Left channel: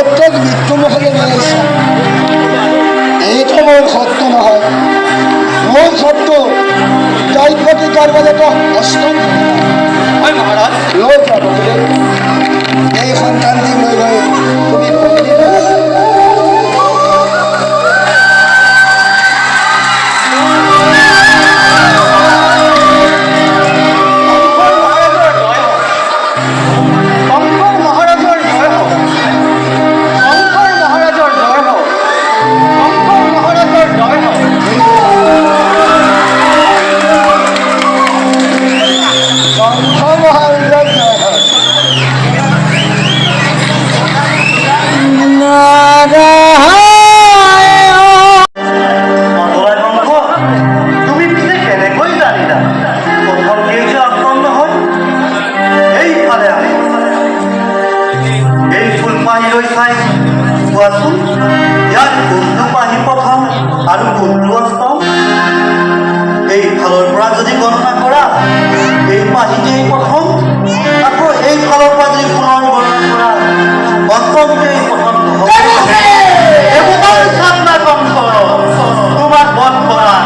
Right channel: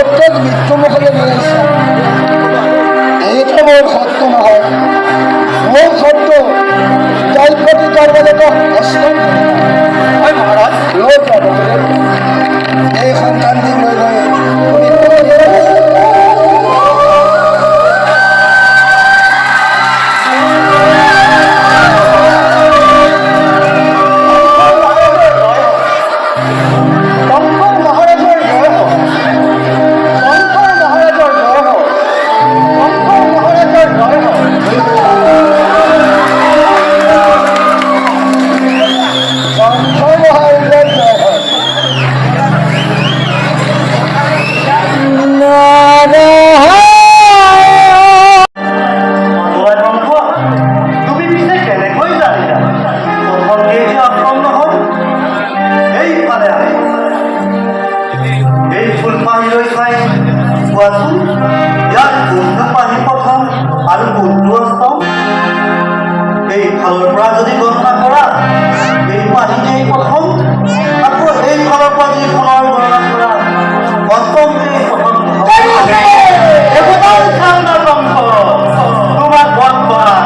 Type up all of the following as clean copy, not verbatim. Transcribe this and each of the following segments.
প্ৰত্যেক মৃত্যুমুখলৈ নি আহিছে। এইটো মোৰ সত্য নহয়, মোৰ সত্য জয়পতি কাৰ্যালয়ত অষ্টম হয় মহাৰাজ। লৈ যাব এই সন্তানটি লৈ গৈ তুমি আৰু কোনটো অষ্টম এইফালৰ পৰা যদি গণনা কৰা এই পাহিতেই প্ৰথম, আকৌ এইফালৰ পৰা যদি পুনৰ গণনা কৰা অষ্টমতেই প্ৰথম। তোমাক বধ কৰা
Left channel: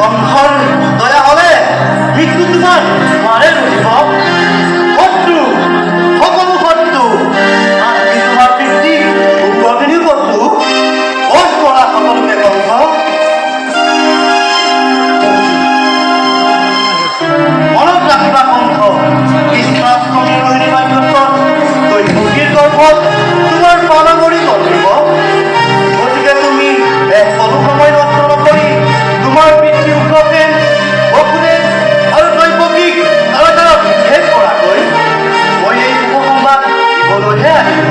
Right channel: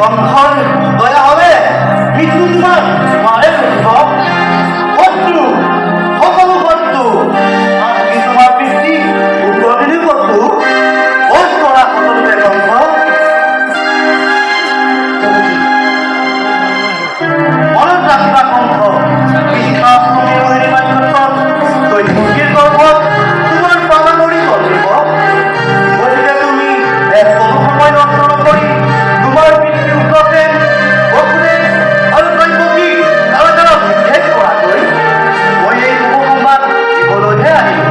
কংসৰ দয়া হলে মৃত্যু তোমাৰ নোৱাৰে ৰহিব। শত্ৰু সকলো শত্ৰু আনকি তোমাৰ পিতৃ উগ্ৰদিনী শত্ৰু বধ কৰা সকলোকে কংস। মনত ৰাখিবা কংস, কৃষ্ণাষ্টমী ৰোহিণী নক্ষত্ৰত দৈৱকীৰ গৰ্ভত তোমাৰ পালামৰি কৰিব। গতিকে তুমি এক কোনো সময় নষ্ট নকৰি তোমাৰ পিতৃ উগ্ৰসেন, বসুদেৱ আৰু দৈৱকীক তাৰা বিশেষ কৰাকৈ মই এই শুভ সংবাদ দিবলৈহে আহিলোঁ।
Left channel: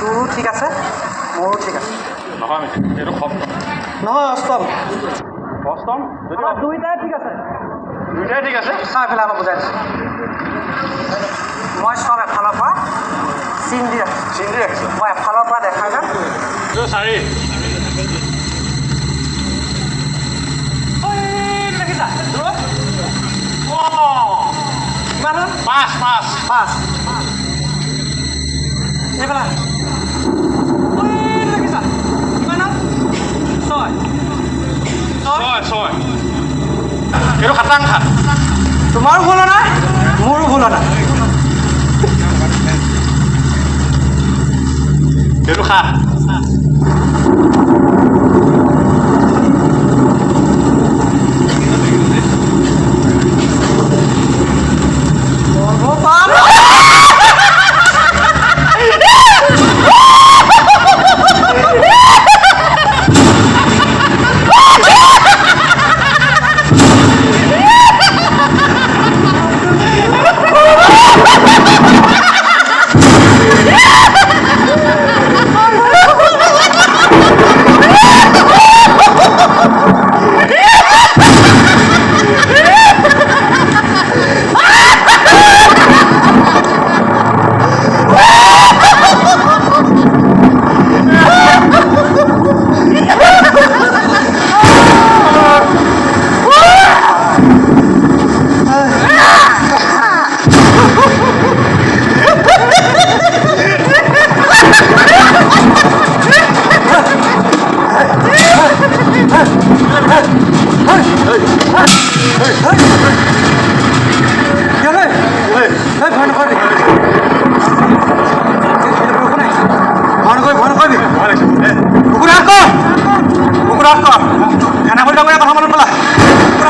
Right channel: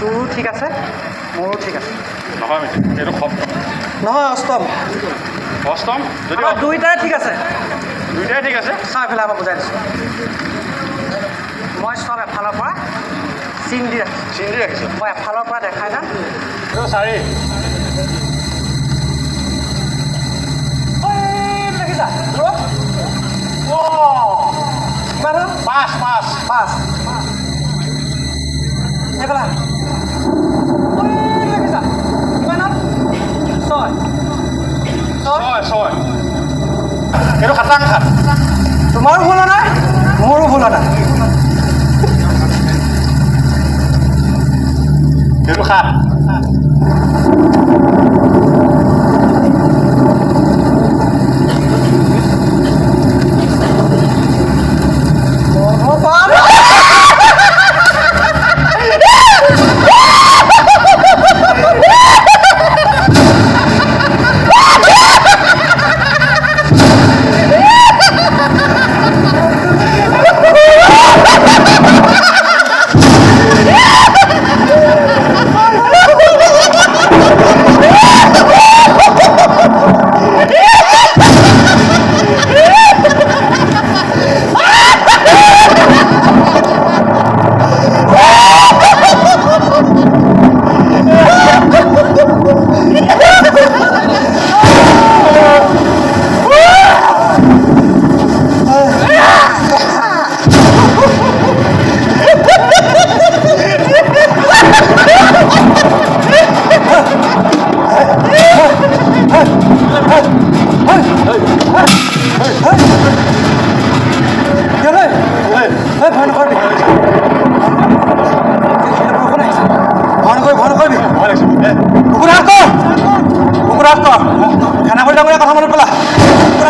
তোৰো ঠিক আছে, মোৰো ঠিক আছে। নহয় অষ্টম, অষ্টম যদি দুইটাই ঠিক আছে, দুইটাই ঠিক আছে। চাই পেলাই আমাক বুজাই দিছোঁ। মই চব এফালৰ পৰা চিন দি ৰাখিছোঁ। মই এফালৰ পৰা দেখাই যাম। চাৰি পাঁচ পাঁচ পাঁচ এইফালে ছয় ছয় ছয় এইটো খাটাং খাট। তোমাৰো ভুল নাই, মোৰো ভুল নাই। এইটো সাত।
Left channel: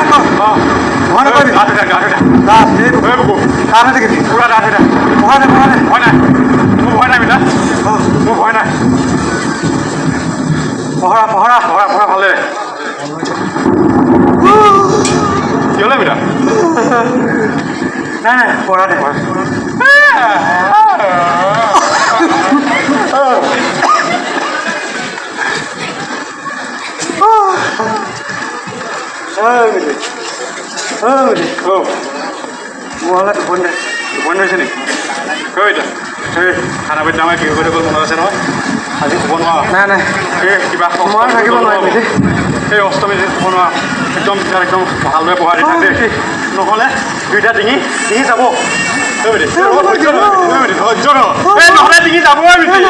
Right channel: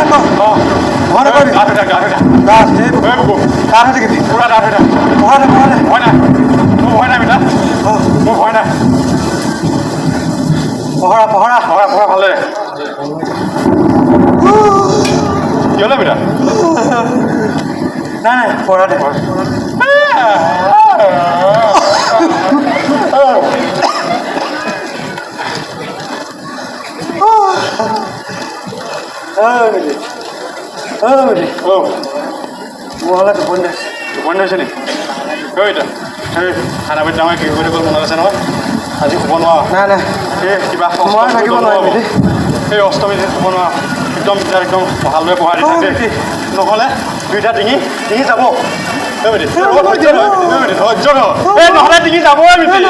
মহানে কৈ গা ধুই থাক গা ধুই থাক দাঁত এইটো ঐ বুকু দাঁত আছে কি পুৰা গা ধুই থাক পঢ়া দে ভয় নাই মোৰ ভয় নাই মিতা মোৰ ভয় নাই পঢ়া পঢ়া পঢ়া ভালে কি হ'লে মিতা নাই নাই পঢ়া দে মহলা টোপনি দে টোপনি ধৰিছে নেকি ঐ এতিয়া সেই খানা পিঠা আমাৰ কি কৰি গ'ল মনত আছে নহয় আজি শুব নোৱাৰা নাই নাই এই কিবা মই থাকিব নোৱাৰিম দেই এই অষ্টমী দিন শুব নোৱাৰা একদম একদম ভালদৰে পঢ়া দি থাকে দেই নহ'লে দুইটা ডিঙি যাব ধৈৰ্য এই নহ'লে ডিঙি যাব মিতি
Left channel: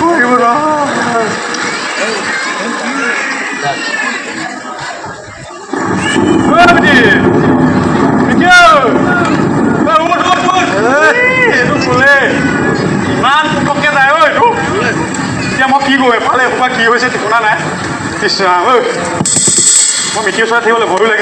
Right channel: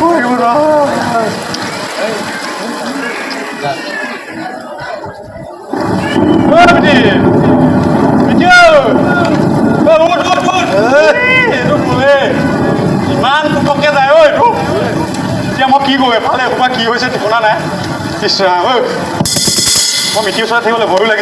পঢ়িব নোৱাৰা ইমান পুটককৈ যায় ঐ এইটো এতিয়া মই কি কৰোঁ এফালে এসোপা কি হৈছে ঠিকনা নাই কৃষ্ণ ঐ মই মিতিৰ ওচৰত থাকিবলৈ ভয়ো লাগিছে